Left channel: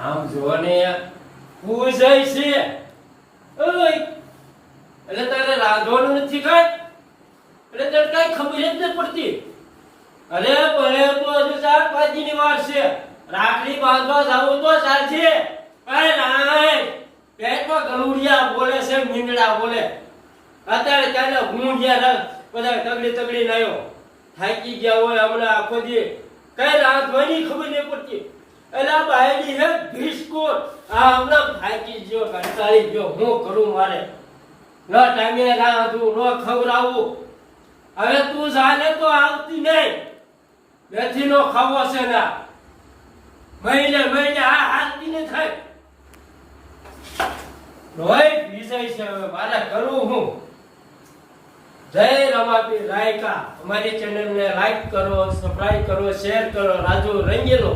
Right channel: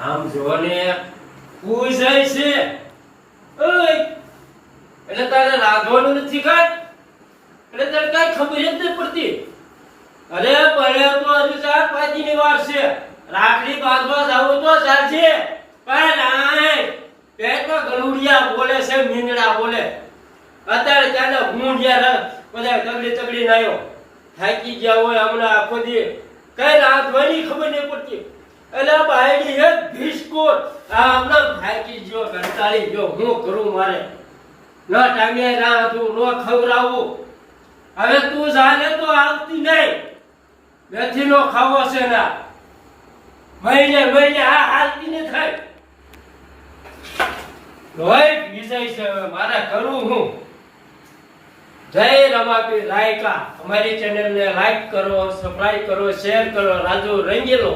આમ જોને પૂજાય છે. ઓય એટલે તારે રાંધવાનું નથી કાઈ? એટલે તારે કાઈ ખબર જ નથી પડતી. અરે ભલે તો હજુ 4-5 ની વાર છે. રાખડી બાંધવા જાવું તો ચાલશે. પણ નાય પેટમાં ગલુડિયા બોલે છે, મીંડડા બોલે. અત્યારે ચાલે ગુંડિયા બધા તગડી નાયો થાકી ગયા હોય હમણાં આખો દી કઈ રાંધવાની ખબર નહીં પડતી. એટલે બાયડી હે બિસ્કુટ આ હમણાં થાકી ગયો, કંટાળી ગયો. હું કરું મારે? ન ટાઈમે રાંધું, ન ખવડાવું. હવે તું જાને તો આવતી નહીં. નથી નો ખાવો છે ના મહિને આ હાલતી ને થાય. લોહી પીસાય છે. હવે મારે કરું હું? જય રમાપીર રાયકા. અમારી ચેનલને લાઈક કરો, સબસ્ક્રાઇબ કરો, શેર કરો. રાજુ રંગેલો.